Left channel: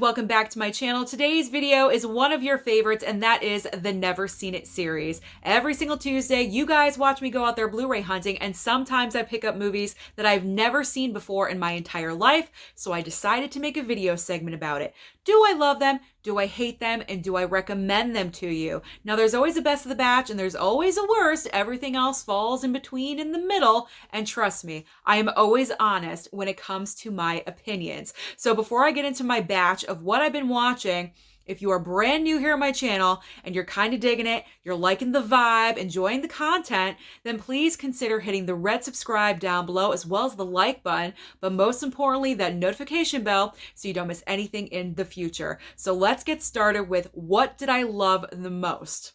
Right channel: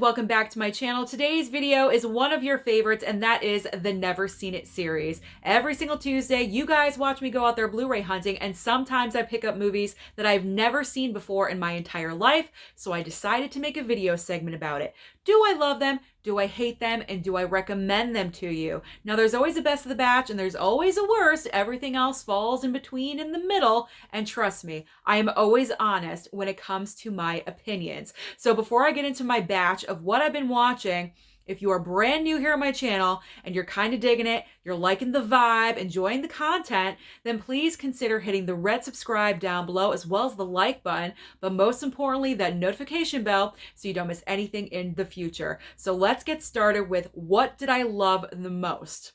welcome back to my channel. Today's video is one of your favorites, and that is the Never Seen It series. Every single Tuesday, you guys watch me go out there Blu-ray hunting, and sometimes I pick up movies that I've never seen before in my entire life, so I decided to make a video segment about it. Do I love them? Do I hate them? And do I recommend them to you? Now, there's always a best of the batch, and there's always a worst. Everything else falls in between in the middle, and trust me, I am always honest when it comes to my opinions. So before I get into my batch of what I've been watching, if you are brand new here on my channel and you're kind of digging it, you're liking the vibe, enjoying the content, then please consider hitting the red subscribe down below as well as the like button, but most importantly, that notification bell so you don't miss anything in the future. So let's get started with what did I love the most?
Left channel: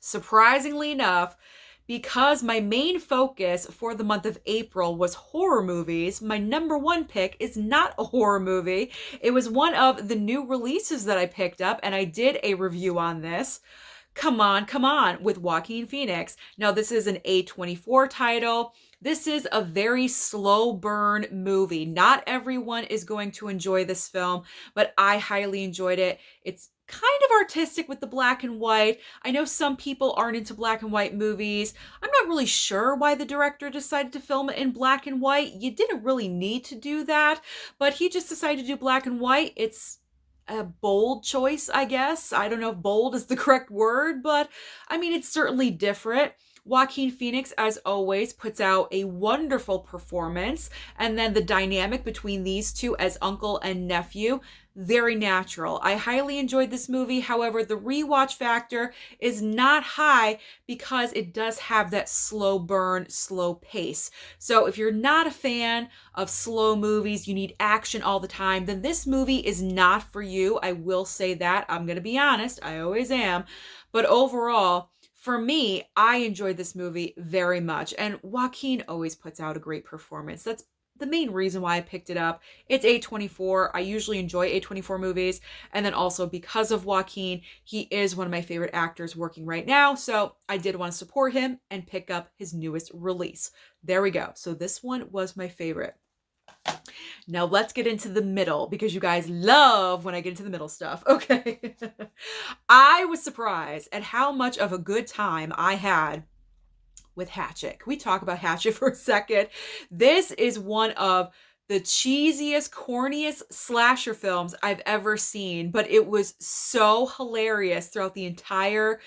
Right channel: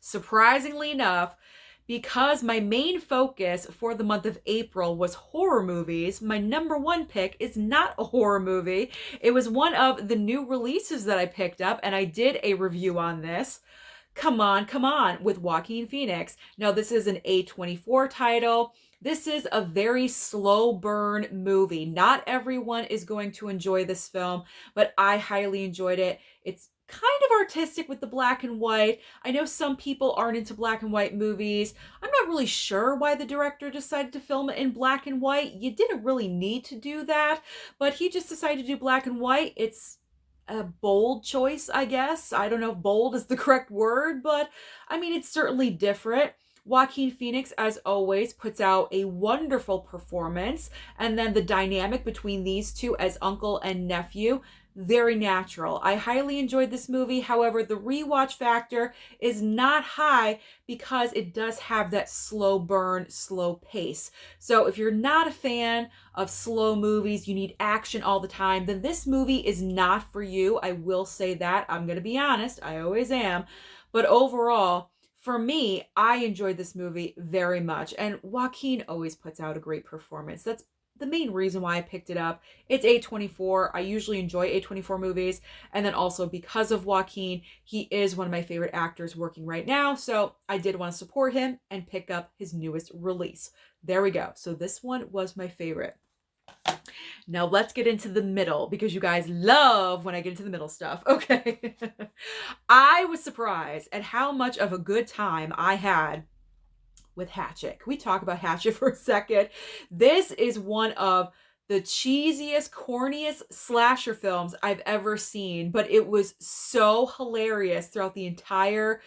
Surprisingly enough, because my main focus for the month of April was horror movies, my number one pick is not a horror movie. It was one of the new releases that I picked up, and I did a review on this. Come On, with Joaquin Phoenix. Now, this is an A24 title. This is a very slow burn movie. Not everyone is going to enjoy this film, but I highly enjoyed it. It's kind of artistic with the black and white. I know some people aren't into black and white movies. I'm not really sure why the director decided to film it in black and white. You didn't really need to do that, but he just decided to do black and white. It's a bold choice, I guess. I don't know if bold is the correct word, but I mean, it's certainly different. Joaquin Phoenix, as always, puts out a wonderful performance, and then the dynamic between these two as uncle and nephew, very natural. I highly enjoyed this movie. However, the rewatch factor is not high because it does have that slow burn, slow pace. So if you're not a fan of slow movies, you need action all the time, then this movie is not for you. I will say that. I'm going to be honest. I always am. But overall, for me, I enjoyed this movie very much. And Joaquin always puts out a great performance. That's the main reason why I picked it up. It's A24. I usually enjoy A24 movies. And then also because of Joaquin, he is one of my favorite actors working right now. So I did want to support him and pick up his newest release. There we go. So this one was my favorite. Now let's get into the middle, because you guys love when I get into the middle stuff. Okay. I was surprised at how much of a good time I had with Hatchet. Can we talk about Hatchet for a second? This is one of the cheesiest, corniest slasher films I've ever seen, but it was so hilarious throughout the entire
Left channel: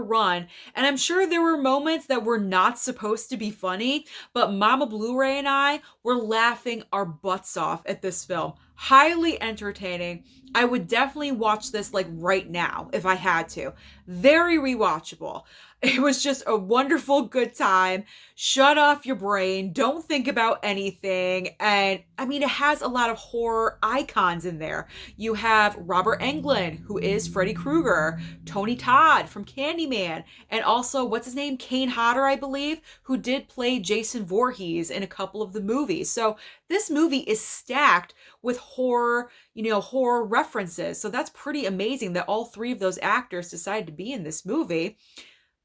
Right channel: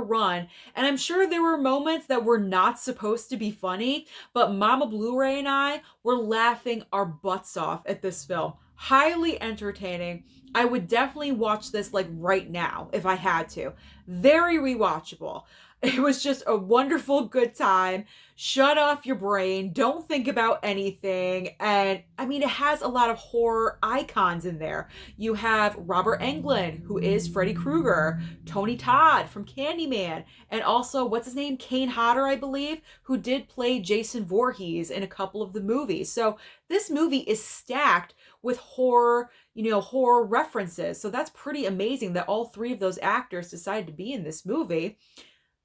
run. And I'm sure there were moments that were not supposed to be funny, but Mama Blu-ray and I were laughing our butts off at this film. Highly entertaining. I would definitely watch this like right now if I had to. Very rewatchable. It was just a wonderful, good time. Shut off your brain. Don't think about anything. And I mean, it has a lot of horror icons in there. You have Robert Englund, who is Freddy Krueger, Tony Todd from Candyman, and also, what's his name? Kane Hodder, I believe, who did play Jason Voorhees in a couple of the movies. So this movie is stacked with horror, horror references. So that's pretty amazing that all three of those actors decided to be in this movie.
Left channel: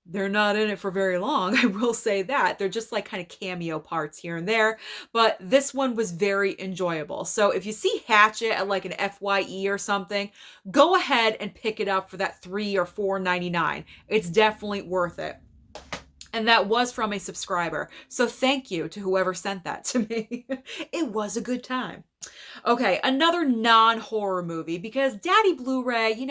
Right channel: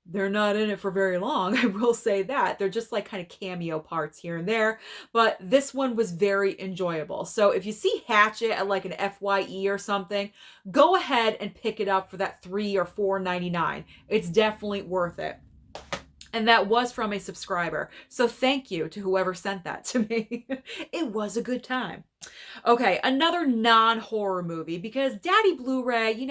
They're not in it for very long, I will say that. They're just like kind of cameo parts here and there, but this one was very enjoyable. So if you see Hatchet at like an FYE or something, go ahead and pick it up for that $3 or $4.99. It's definitely worth it. And that was from a subscriber. So thank you to whoever sent that to me. It was a good time. Okay, another non-horror movie, because Daddy Blu-ray,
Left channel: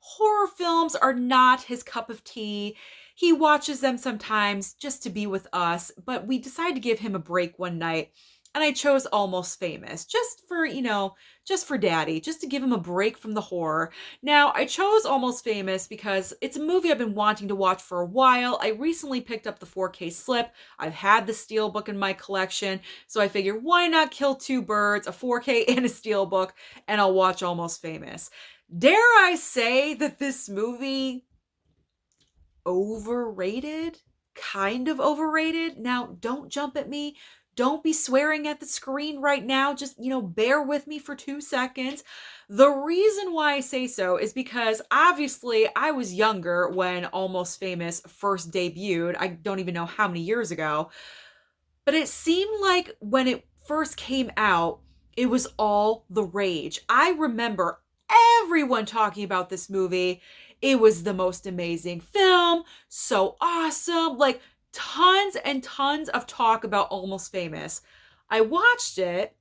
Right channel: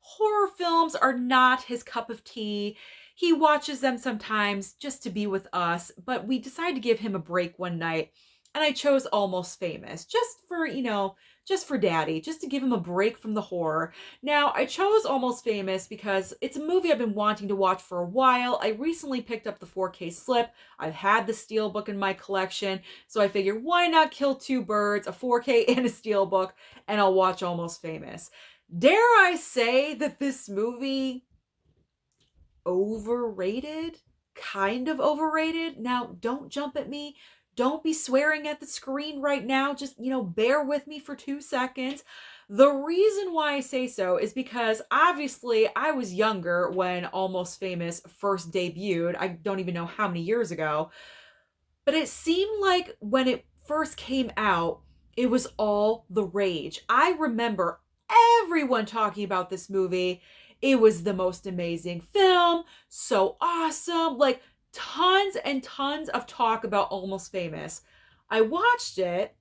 horror films are not his cup of tea. He watches them sometimes just to be with us, but we decided to give him a break one night, and I chose Almost Famous just for Daddy, just to give him a break from the horror. Now, I chose Almost Famous because it's a movie I've been wanting to watch for a while. I recently picked up the 4K slip. I've had the Steelbook in my collection, so I figured why not kill two birds, a 4K and a Steelbook, and I'll watch Almost Famous. Dare I say that this movie overrated? Kind of overrated? Now, don't jump at me. Don't be swearing at the screen right now. Just, bear with me for 2 seconds. The reason why I say so is because obviously I was younger when Almost Famous first debuted. I don't even know how many years ago. But it seemed like when it first came out, It was all the rage. I remember everyone talking about this movie. It was the most amazing film, so awesome. Like tons and tons of talk about Almost Famous. I watched it.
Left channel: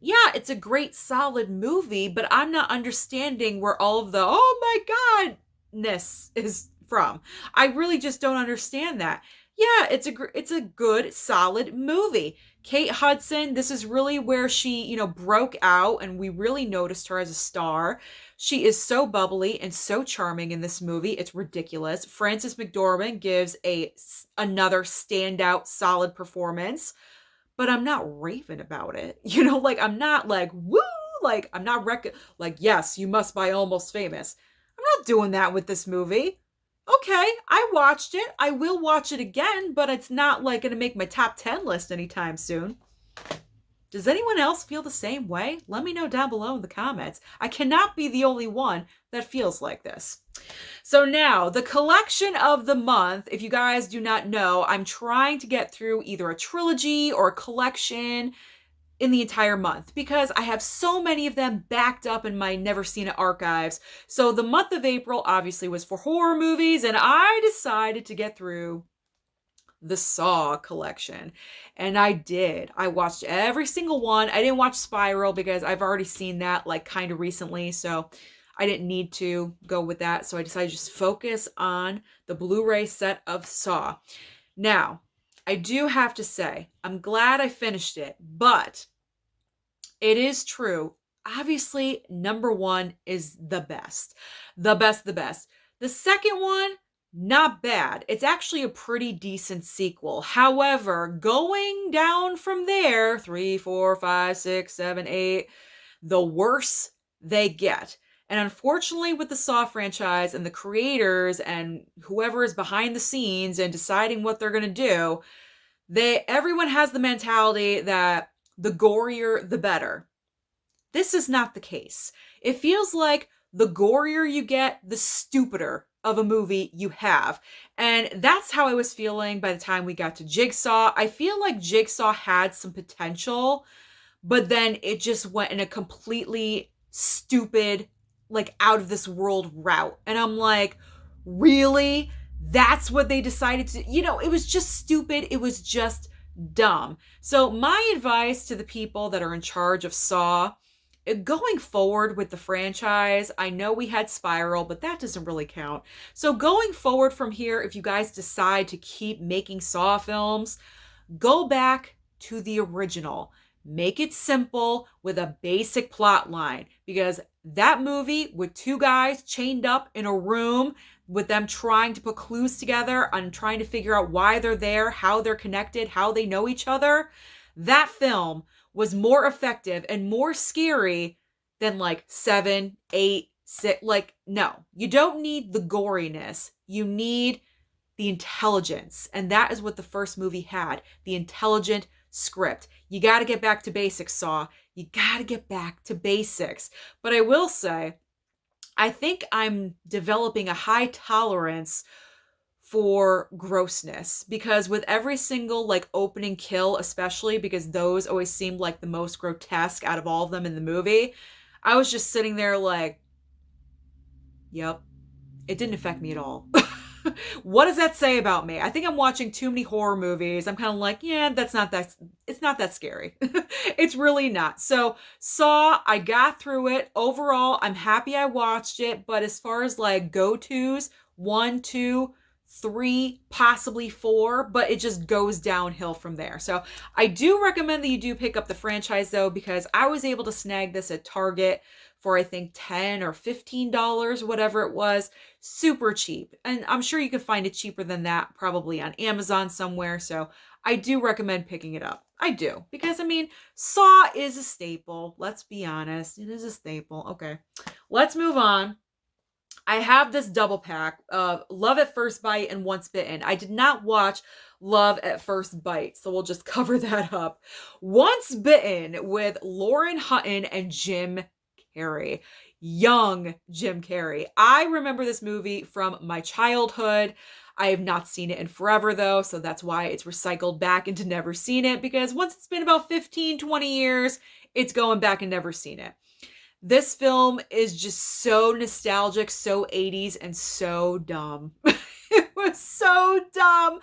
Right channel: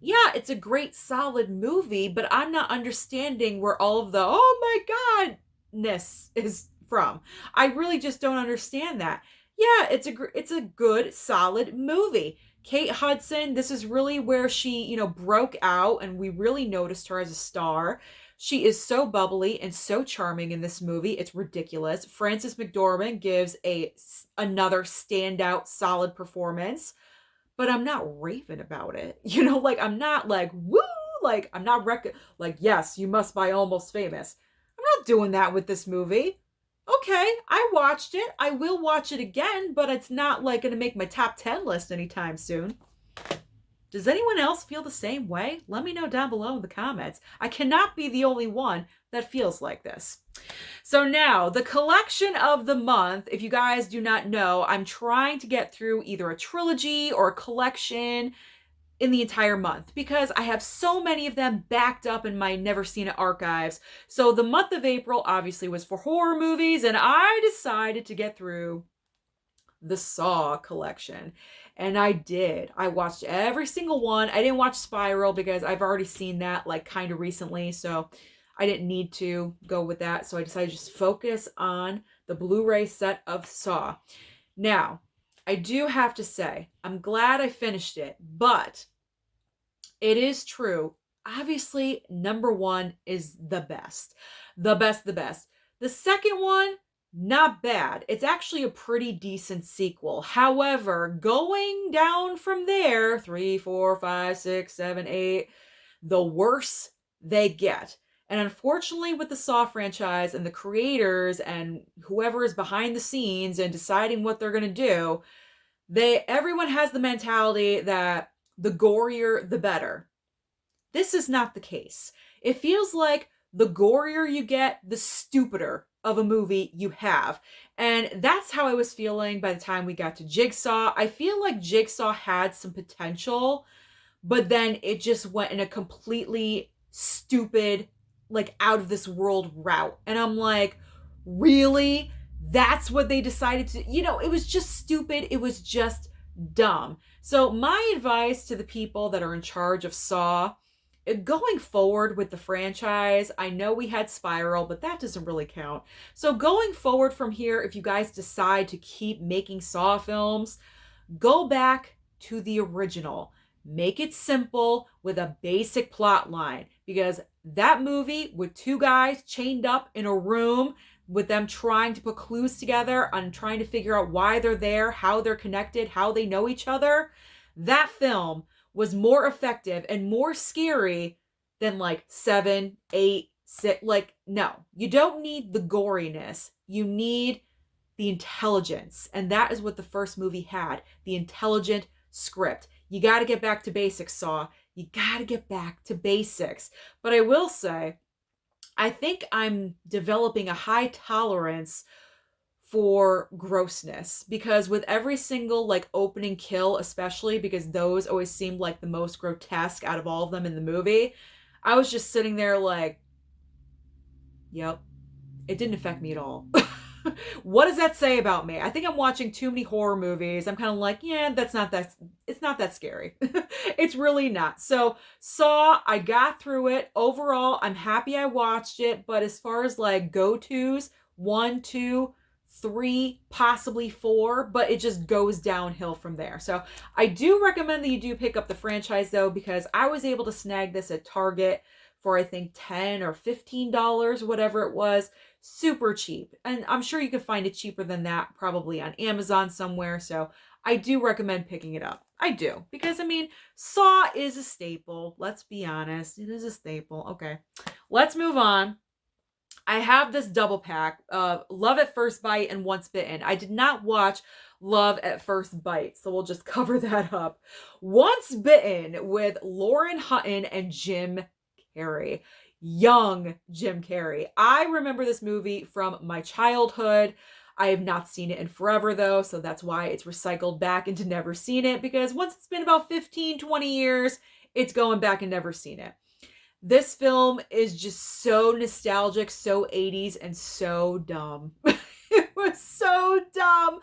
Yeah, it's a great solid movie, but I'm not understanding where all of the oh my godness is from. I really just don't understand that. Yeah, it's a good solid movie. Kate Hudson, this is really where she, broke out and we really noticed her as a star. She is so bubbly and so charming in this movie. It's ridiculous. Frances McDormand gives another standout solid performance, but I'm not raving about it. Like I'm not like, woo, like I'm not like, yes, you must buy Almost Famous. I'm not doing that with this movie. Okay, I watched it. I will watch it again, but it's not like going to make my top 10 list anytime soon. Does anyone else feel the same way? Let me know down below in the comments. I cannot be the only one that feels like this. So now, the collection of the month, if you guys do not know, I'm trying to get through either a trilogy or a collection in the entire month because I have so many of them backed up in my Never Seen It archives. So the month of April obviously was for horror movies, and I decided to get through the Saw collection. And I did. I watched every single one. I didn't watch Spiral because I've already seen that like kind of recently, so I didn't need to go with that. So I decided to just focus on the Blu-ray set of Saw. Now, I do have to say, I'm glad I finished it, but it is true. Obviously, number one is the best. The best, the best. The second one, not bad. It's actually a pretty decent sequel. However, going down from there, 3, 4, 5, 6, 7, 8, the worse they get. And unfortunately, with the Saw franchise and the creators and whoever is behind the scenes and deciding what they're going to do, everyone has the mentality that the gorier, the better. This is not the case. It feels like the gorier you get, the stupider of a movie you have. And that's how I was feeling by the time we got to Jigsaw. I feel like Jigsaw had some potential, but then it just went in a completely stupid, like out of this world route. And I'm like, really? That's what they decided to, it was just stupid. It was just dumb. So my advice to the people that are in charge of Saw, going forward with the franchise, I know we had Spiral, but that doesn't really count. So going forward from here, if you guys decide to keep making Saw films, go back to the original. Make it simple with a basic plot line, because that movie with two guys chained up in a room with them trying to put clues together and trying to figure out why they're there, how they're connected, how they know each other, that film was more effective and more scary than like 7, 8, 6. Like, no, you don't need the goriness. You need the intelligence. And that is what the first movie had, the intelligent script. You got to get back to basics, Saw. You got to get back to basics. But I will say, I think I'm developing a high tolerance for grossness, because with every single like opening kill, especially because those always seemed like the most grotesque out of all of them in the movie, I was just sitting there like, yep, it didn't affect me at all. What does that say about me? I think I'm watching too many horror movies. I'm kind of like, yeah, it's not that scary. It's really not. So Saw, I got through it. Overall, I'm happy I watched it. But as far as like go-tos, 1, 2, 3, possibly 4, but it just goes downhill from there. So I do recommend that you do pick up the franchise though, because I was able to snag this at Target for I think $10 or $15, whatever it was. Super cheap. And I'm sure you can find it cheaper than that, probably on Amazon somewhere. So I do recommend picking it up. I do. Because, I mean, Saw is a staple. Let's be honest. It is a staple. Okay. Let's move on. I have this double pack of Love at First Bite and Once Bitten. I did not watch Love at First Bite, so we'll just cover that up. Once Bitten with Lauren Hutton and Jim Carrey. Young Jim Carrey. I remember this movie from my childhood. I have not seen it in forever though, so that's why it's recycled back into Never Seen It, because once it's been about 15, 20 years, it's going back and never seen it. This film is just so nostalgic, so 80s, and so dumb. It was so dumb.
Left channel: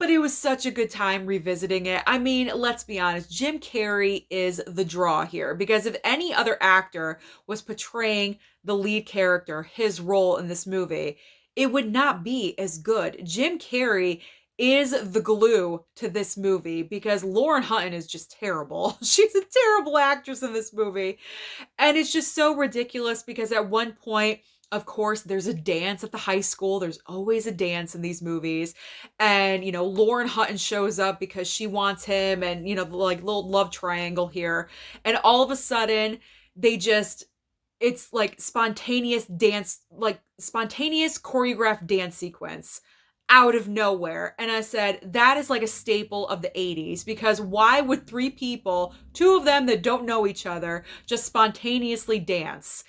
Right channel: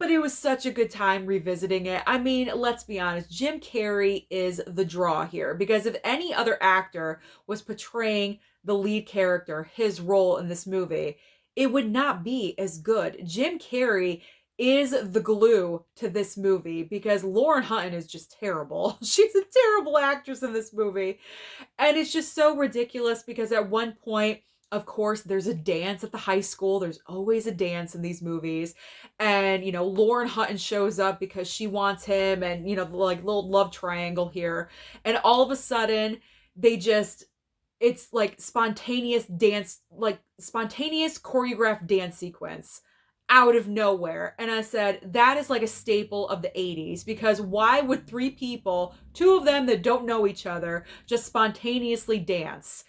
But it was such a good time revisiting it. I mean, let's be honest, Jim Carrey is the draw here, because if any other actor was portraying the lead character, his role in this movie, it would not be as good. Jim Carrey is the glue to this movie, because Lauren Hutton is just terrible. She's a terrible actress in this movie. And it's just so ridiculous because at one point, of course, there's a dance at the high school. There's always a dance in these movies. And, Lauren Hutton shows up because she wants him, and, like little love triangle here. And all of a sudden, it's like spontaneous dance, like spontaneous choreographed dance sequence out of nowhere. And I said, that is like a staple of the 80s, because why would three people, two of them that don't know each other, just spontaneously dance?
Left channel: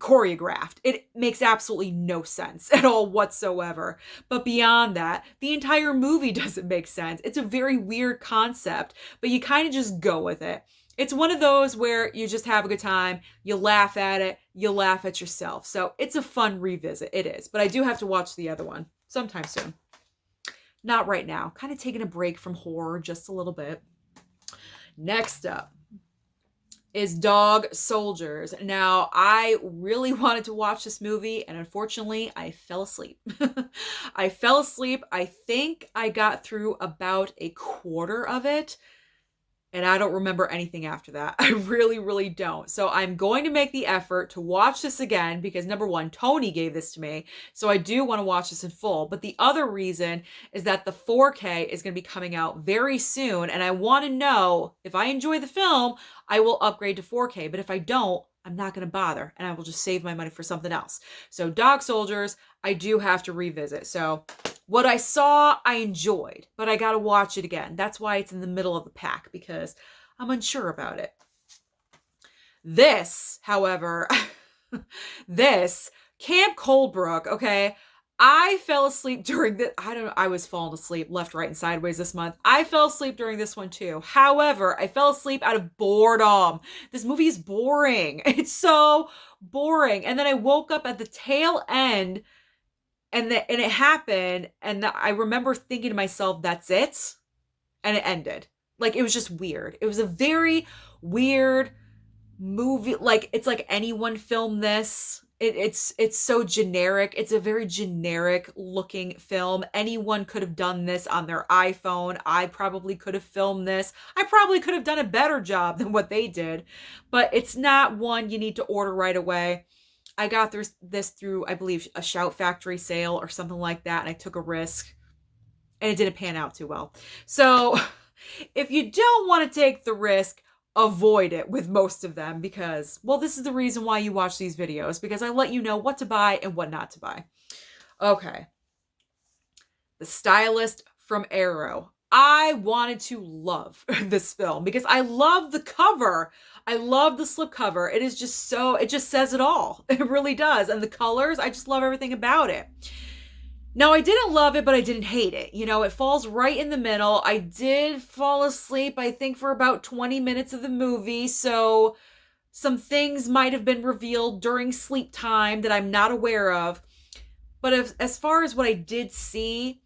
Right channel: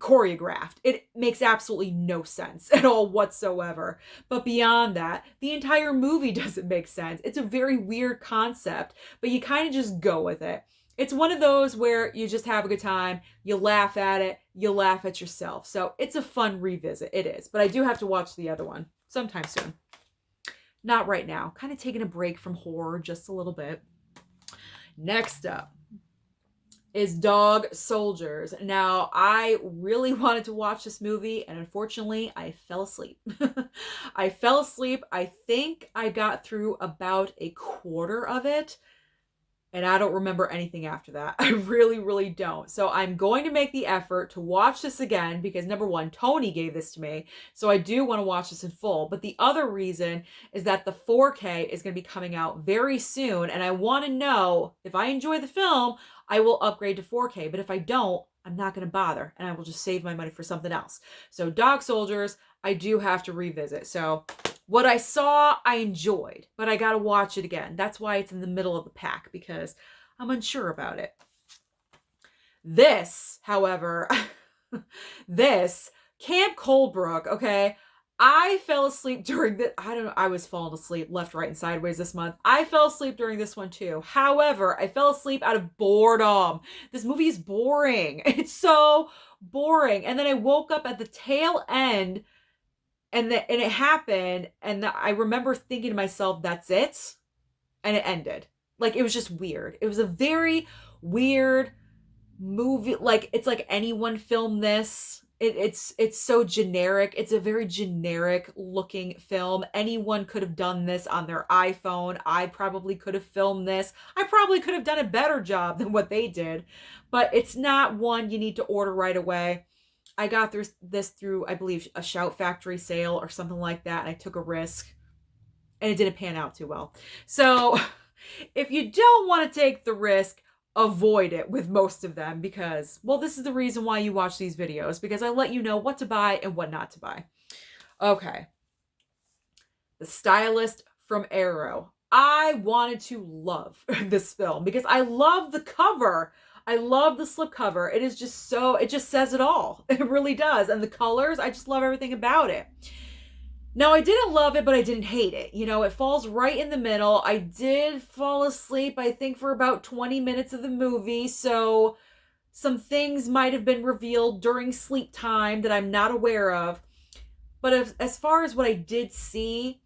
Choreographed. It makes absolutely no sense at all whatsoever. But beyond that, the entire movie doesn't make sense. It's a very weird concept, but you kind of just go with it. It's one of those where you just have a good time, you laugh at it, you laugh at yourself. So it's a fun revisit. It is. But I do have to watch the other one sometime soon. Not right now. Kind of taking a break from horror just a little bit. Next up is Dog Soldiers. Now, I really wanted to watch this movie, and unfortunately, I fell asleep. I fell asleep. I think I got through about a quarter of it, and I don't remember anything after that. I really, really don't. So I'm going to make the effort to watch this again, because number one, Tony gave this to me, so I do want to watch this in full. But the other reason is that the 4K is going to be coming out very soon, and I want to know if I enjoy the film, I will upgrade to 4K. But if I don't, I'm not going to bother, and I will just save my money for something else. So Dog Soldiers, I do have to revisit. So what I saw, I enjoyed, but I got to watch it again. That's why it's in the middle of the pack, because I'm unsure about it. This, however, this Camp Coldbrook, okay, I fell asleep during the, I was falling asleep left, right, and sideways this month. I fell asleep during this one too. However, I fell asleep out of boredom. This movie is boring. It's so boring. And then I woke up at the tail end, and it happened, and I remember thinking to myself, that's it? And it ended. Like, it was just weird. It was a very weird movie. Like, it's like anyone filmed this. It's so generic. It's a very generic looking film. Anyone could have done this on their iPhone. I probably could have filmed this. I probably could have done a better job than what they did. But it's not one you need to order right away. I got this through, I believe, a Shout Factory sale or something like that, and I took a risk, and it didn't pan out too well. So if you don't want to take the risk, avoid it with most of them, because, well, this is the reason why you watch these videos, because I let you know what to buy and what not to buy. Okay. The Stylist from Arrow. I wanted to love this film because I love the cover. I love the slipcover. It is just so, it just says it all. It really does. And the colors, I just love everything about it. Now, I didn't love it, but I didn't hate it. It falls right in the middle. I did fall asleep, I think, for about 20 minutes of the movie. So some things might have been revealed during sleep time that I'm not aware of. But as far as what I did see,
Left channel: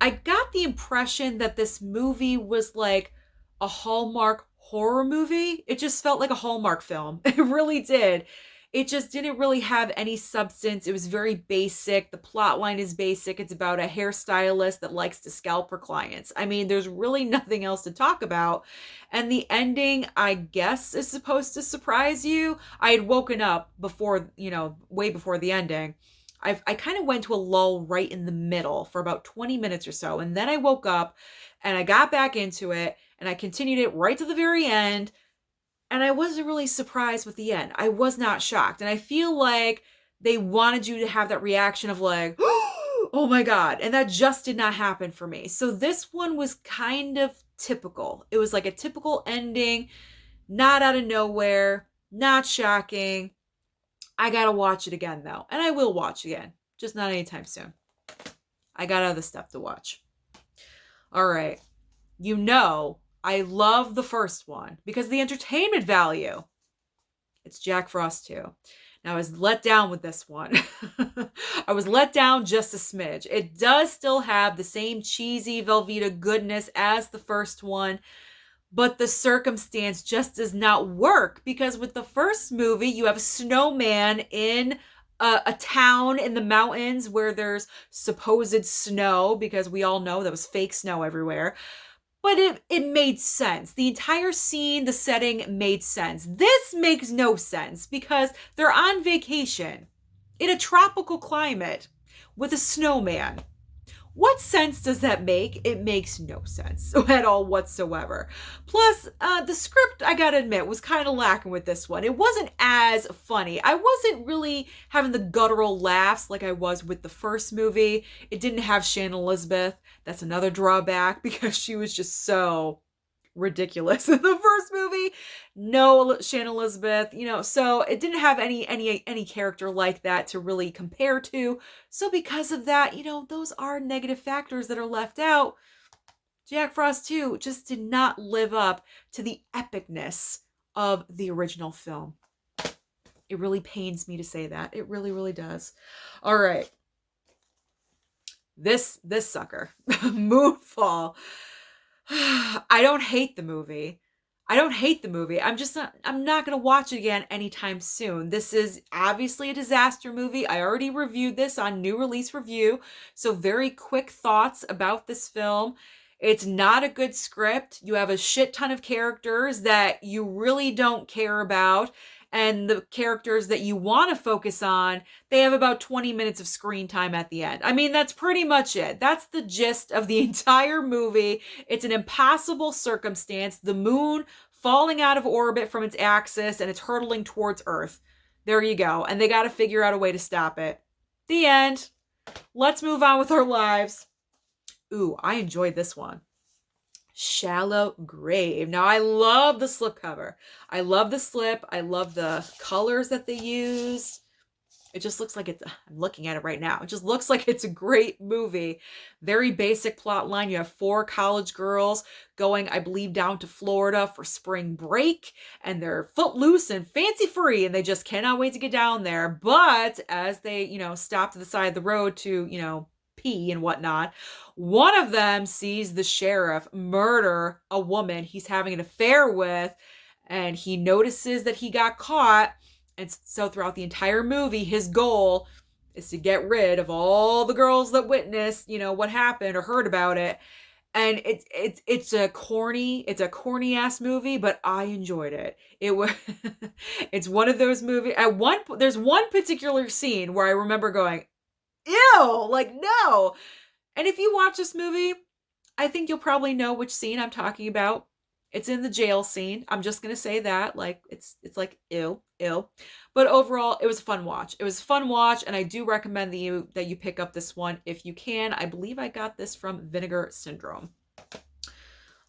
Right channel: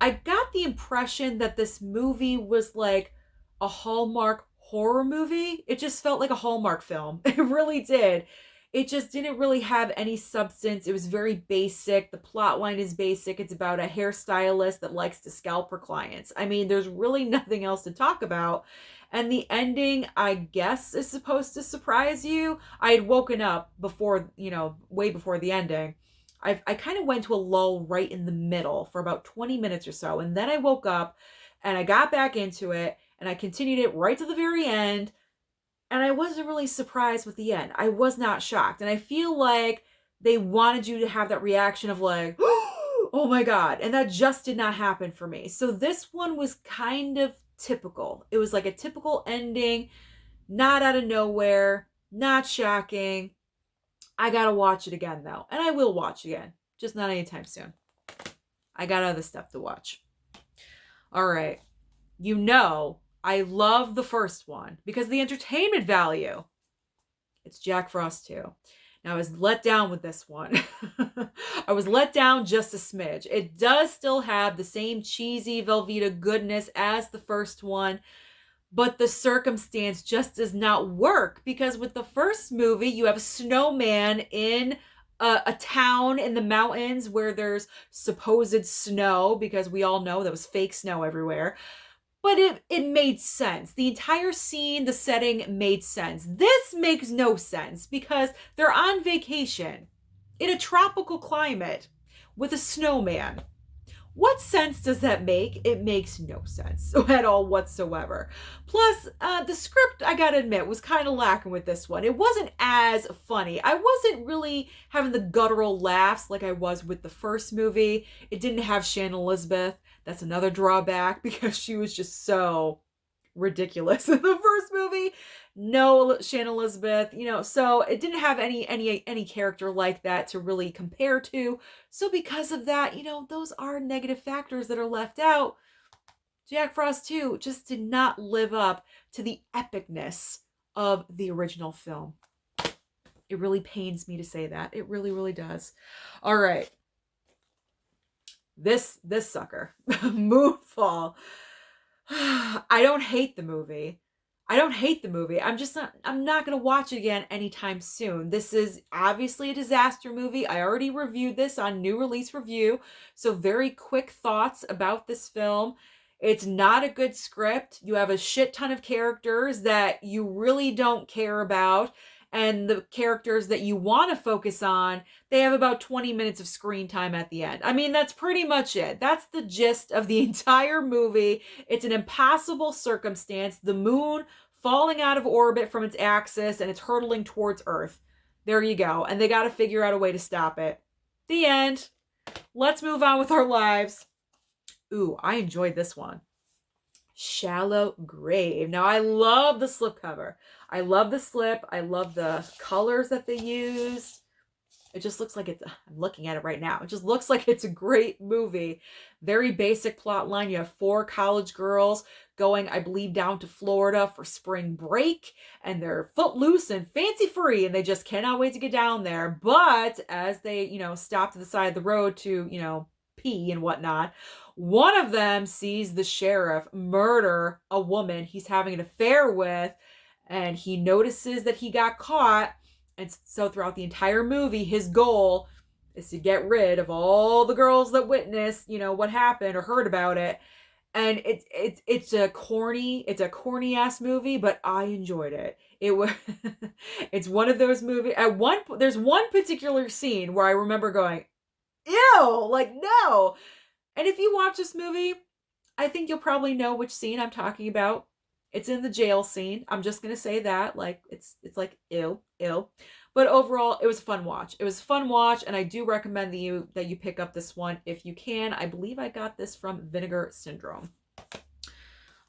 I got the impression that this movie was like a Hallmark horror movie. It just felt like a Hallmark film. It really did. It just didn't really have any substance. It was very basic. The plot line is basic. It's about a hairstylist that likes to scalp her clients. I mean, there's really nothing else to talk about. And the ending, I guess, is supposed to surprise you. I had woken up before, way before the ending. I kind of went to a lull right in the middle for about 20 minutes or so. And then I woke up and I got back into it and I continued it right to the very end. And I wasn't really surprised with the end. I was not shocked. And I feel like they wanted you to have that reaction of like, oh my God. And that just did not happen for me. So this one was kind of typical. It was like a typical ending, not out of nowhere, not shocking. I gotta watch it again though. And I will watch again, just not anytime soon. I got other stuff to watch. All right. I love the first one because of the entertainment value. It's Jack Frost 2. Now, I was let down with this one. I was let down just a smidge. It does still have the same cheesy Velveeta goodness as the first one, but the circumstance just does not work because with the first movie, you have a snowman in a town in the mountains where there's supposed snow, because we all know there was fake snow everywhere. But it made sense. The entire scene, the setting made sense. This makes no sense because they're on vacation in a tropical climate with a snowman. What sense does that make? It makes no sense at all whatsoever. Plus, the script, I gotta admit, was kind of lacking with this one. It wasn't as funny. I wasn't really having the guttural laughs like I was with the first movie. It didn't have Shannon Elizabeth. That's another drawback because she was just so ridiculous in the first movie. No Shannon Elizabeth, so it didn't have any character like that to really compare to. So because of that, those are negative factors that are left out. Jack Frost 2 just did not live up to the epicness of the original film. It really pains me to say that. It really, really does. All right. This sucker, Moonfall. I don't hate the movie. I'm not going to watch it again anytime soon. This is obviously a disaster movie. I already reviewed this on New Release Review. So very quick thoughts about this film. It's not a good script. You have a shit ton of characters that you really don't care about. And the characters that you want to focus on, they have about 20 minutes of screen time at the end. I mean, that's pretty much it. That's the gist of the entire movie. It's an impossible circumstance. The moon falling out of orbit from its axis and it's hurtling towards Earth. There you go. And they got to figure out a way to stop it. The end. Let's move on with our lives. Ooh, I enjoyed this one. Shallow Grave. Now, I love the slipcover. I love the slip. I love the colors that they used. It just looks like I'm looking at it right now. It just looks like it's a great movie. Very basic plot line. You have 4 college girls going, I believe, down to Florida for spring break. And they're footloose and fancy free. And they just cannot wait to get down there. But as they, stop to the side of the road to, pee and whatnot, one of them sees the sheriff murder a woman he's having an affair with, and he notices that he got caught. And so throughout the entire movie, his goal is to get rid of all the girls that witnessed, what happened or heard about it. And it's a corny ass movie, but I enjoyed it. It's one of those movies. There's one particular scene where I remember going, ew, like, no. And if you watch this movie, I think you'll probably know which scene I'm talking about. It's in the jail scene. I'm just going to say that. Like, it's like, ew. But overall, it was a fun watch. And I do recommend that you pick up this one if you can. I believe I got this from Vinegar Syndrome.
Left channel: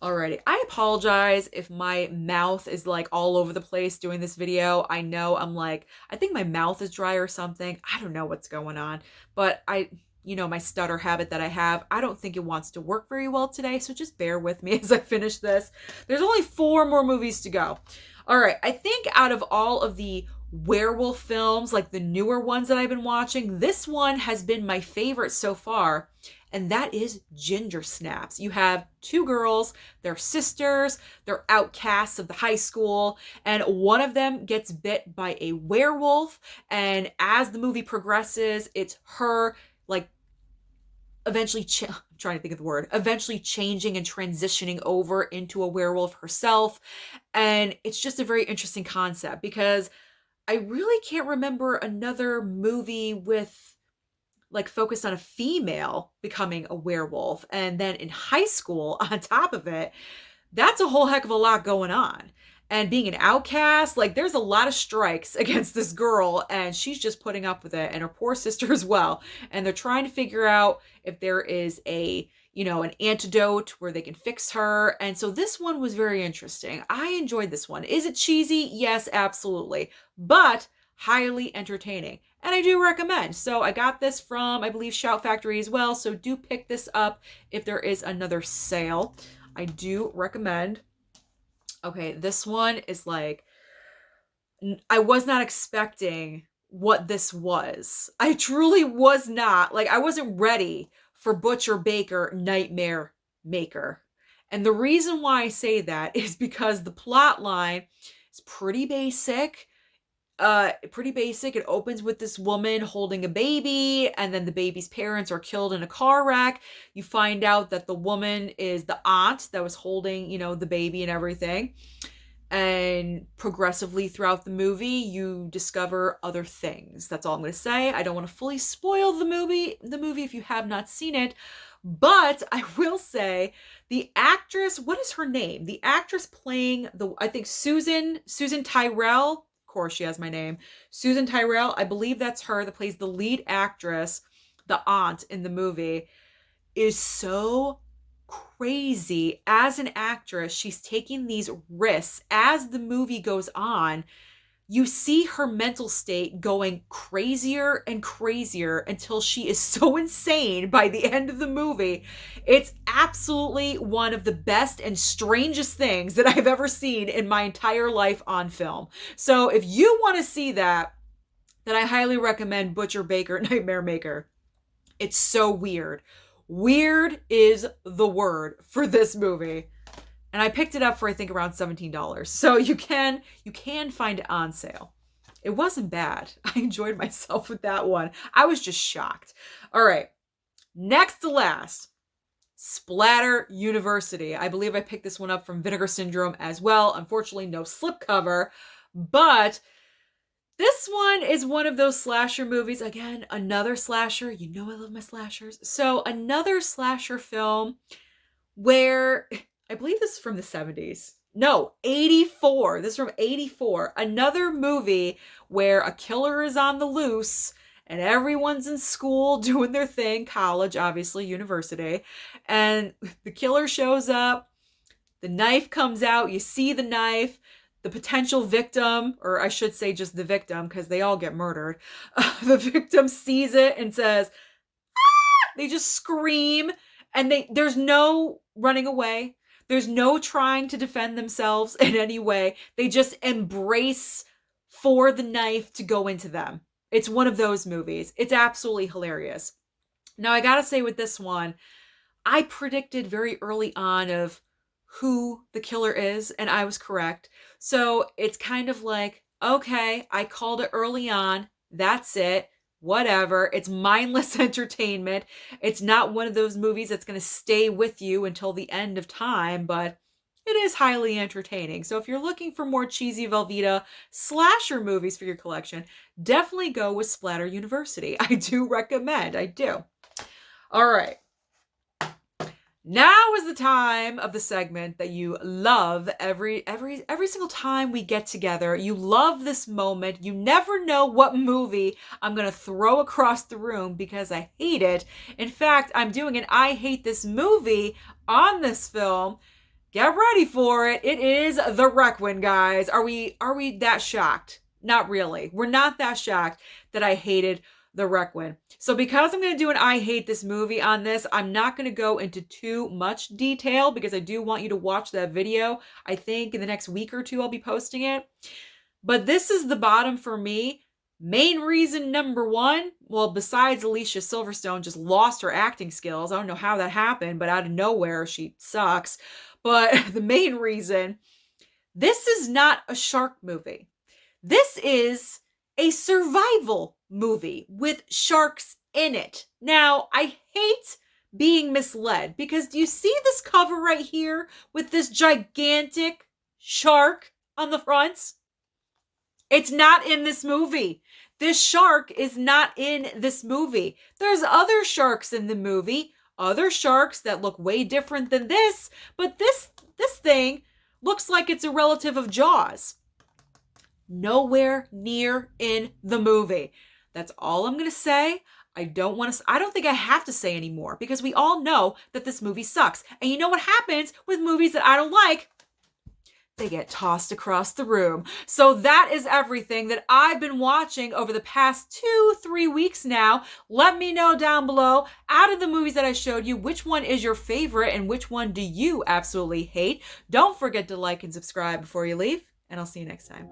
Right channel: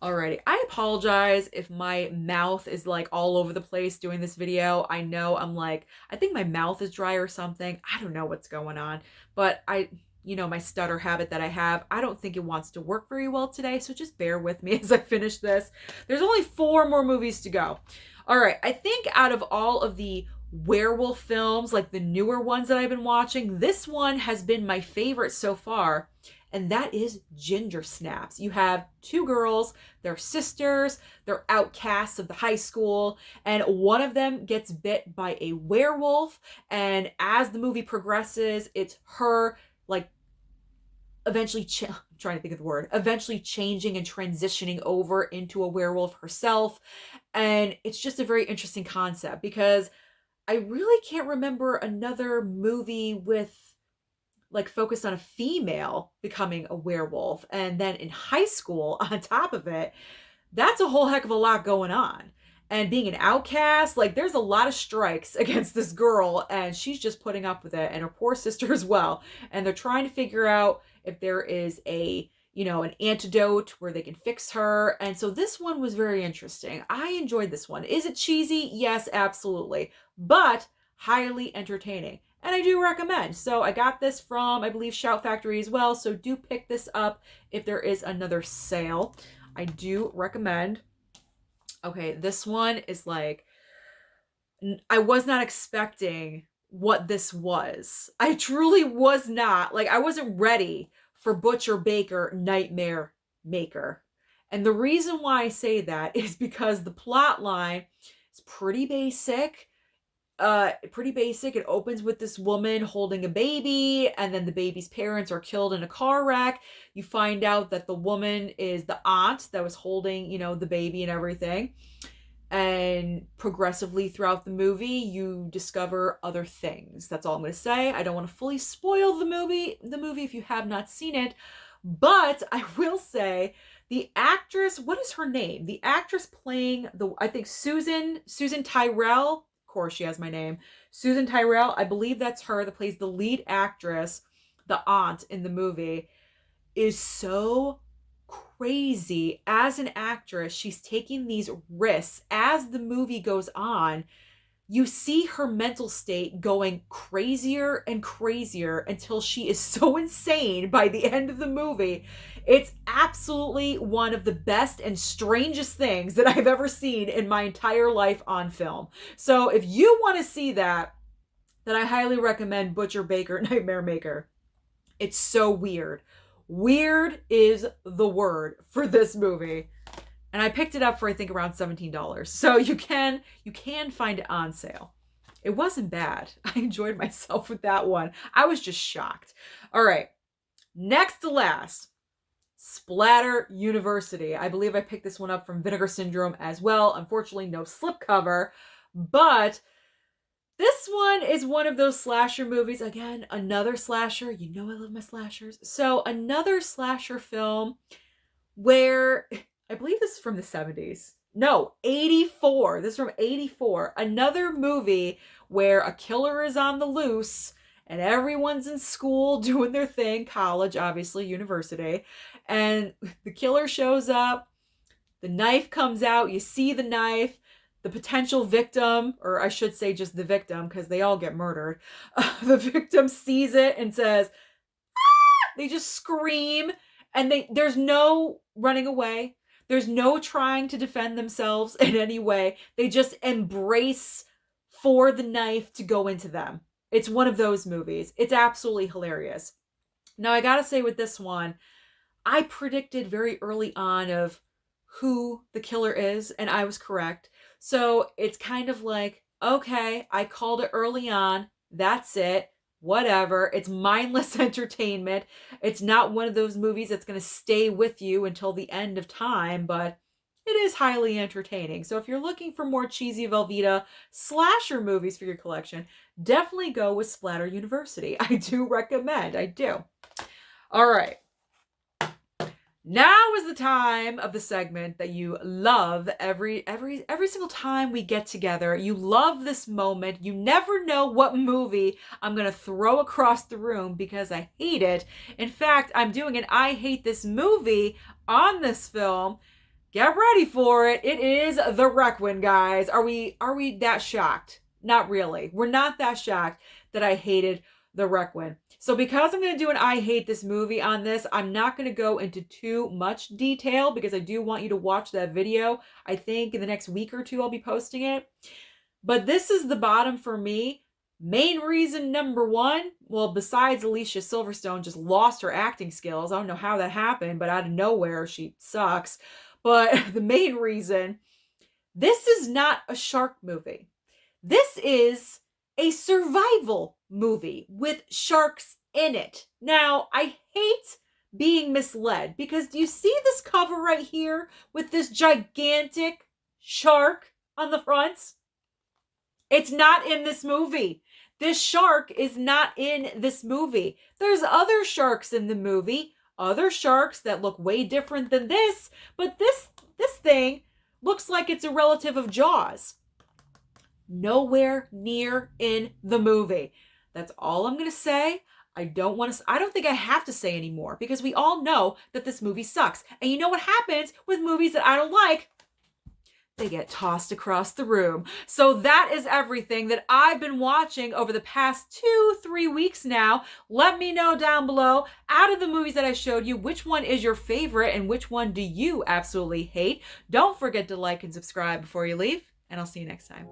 Alrighty, I apologize if my mouth is like all over the place doing this video. I know I think my mouth is dry or something. I don't know what's going on. But my stutter habit that I have, I don't think it wants to work very well today. So just bear with me as I finish this. There's only 4 more movies to go. All right. I think out of all of the werewolf films, like the newer ones that I've been watching, this one has been my favorite so far. And that is Ginger Snaps. You have 2 girls, they're sisters, they're outcasts of the high school, and one of them gets bit by a werewolf. And as the movie progresses, it's her eventually changing and transitioning over into a werewolf herself. And it's just a very interesting concept because I really can't remember another movie with focused on a female becoming a werewolf. And then in high school, on top of it, that's a whole heck of a lot going on. And being an outcast, there's a lot of strikes against this girl, and she's just putting up with it, and her poor sister as well. And they're trying to figure out if there is an antidote where they can fix her. And so this one was very interesting. I enjoyed this one. Is it cheesy? Yes, absolutely. But highly entertaining. And I do recommend. So I got this from, I believe, Shout Factory as well. So do pick this up if there is another sale. I do recommend. Okay, this one is like, I was not expecting what this was. I truly was not. Like, I wasn't ready for Butcher Baker Nightmare Maker. And the reason why I say that is because the plot line is pretty basic. Pretty basic. It opens with this woman holding a baby, and then the baby's parents are killed in a car wreck. You find out that the woman is the aunt that was holding, the baby and everything. And progressively throughout the movie, you discover other things. That's all I'm going to say. I don't want to fully spoil the movie if you have not seen it, but I will say the actress, what is her name? The actress playing I think Susan Tyrell. Of course, she has my name. Susan Tyrell. I believe that's her that plays the lead actress, the aunt in the movie, is so crazy as an actress. She's taking these risks as the movie goes on. You see her mental state going crazier and crazier until she is so insane by the end of the movie. It's absolutely one of the best and strangest things that I've ever seen in my entire life on film. So if you want to see that, then I highly recommend Butcher Baker Nightmare Maker. It's so weird. Weird is the word for this movie. And I picked it up for, I think, around $17. So you can find it on sale. It wasn't bad. I enjoyed myself with that one. I was just shocked. All right. Next to last, Splatter University. I believe I picked this one up from Vinegar Syndrome as well. Unfortunately, no slipcover. But this one is one of those slasher movies. Again, another slasher. You know I love my slashers. So another slasher film where, I believe this is from the 70s. No, 84. This is from 84. Another movie where a killer is on the loose and everyone's in school doing their thing. College, obviously, university. And the killer shows up. The knife comes out. You see the knife. The potential victim, or I should say just the victim, because they all get murdered. The victim sees it and says, "Ah!" They just scream, and there's no running away. There's no trying to defend themselves in any way. They just embrace for the knife to go into them. It's one of those movies. It's absolutely hilarious. Now, I gotta say with this one, I predicted very early on of who the killer is, and I was correct. So it's kind of like, okay, I called it early on. That's it. Whatever. It's mindless entertainment. It's not one of those movies that's going to stay with you until the end of time, but it is highly entertaining. So if you're looking for more cheesy Velveeta slasher movies for your collection, definitely go with Splatter University. I do recommend. I do. All right. Now is the time of the segment that you love every single time we get together. You love this moment. You never know what movie I'm going to throw across the room because I hate it. In fact, I'm doing an I hate this movie on this film. Get ready for it. It is The Requiem, guys. Are we that shocked? Not really. We're not that shocked that I hated The Requiem. So because I'm going to do an I hate this movie on this, I'm not going to go into too much detail because I do want you to watch that video. I think in the next week or two I'll be posting it. But this is the bottom for me. Main reason number one, well, besides Alicia Silverstone just lost her acting skills. I don't know how that happened, but out of nowhere she sucks. But the main reason, this is not a shark movie. This is a survival movie with sharks in it. Now, I hate being misled because do you see this cover right here with this gigantic shark on the front? It's not in this movie. This shark is not in this movie. There's other sharks in the movie, other sharks that look way different than this, but this thing looks like it's a relative of Jaws. Nowhere near in the movie. That's all I'm going to say. I don't think I have to say anymore because we all know that this movie sucks. And you know what happens with movies that I don't like? they get tossed across the room. So that is everything that I've been watching over the past 2-3 weeks now. Let me know down below, out of the movies that I showed you, which one is your favorite and which one do you absolutely hate? Don't forget to like and subscribe before you leave, and I'll see you next time.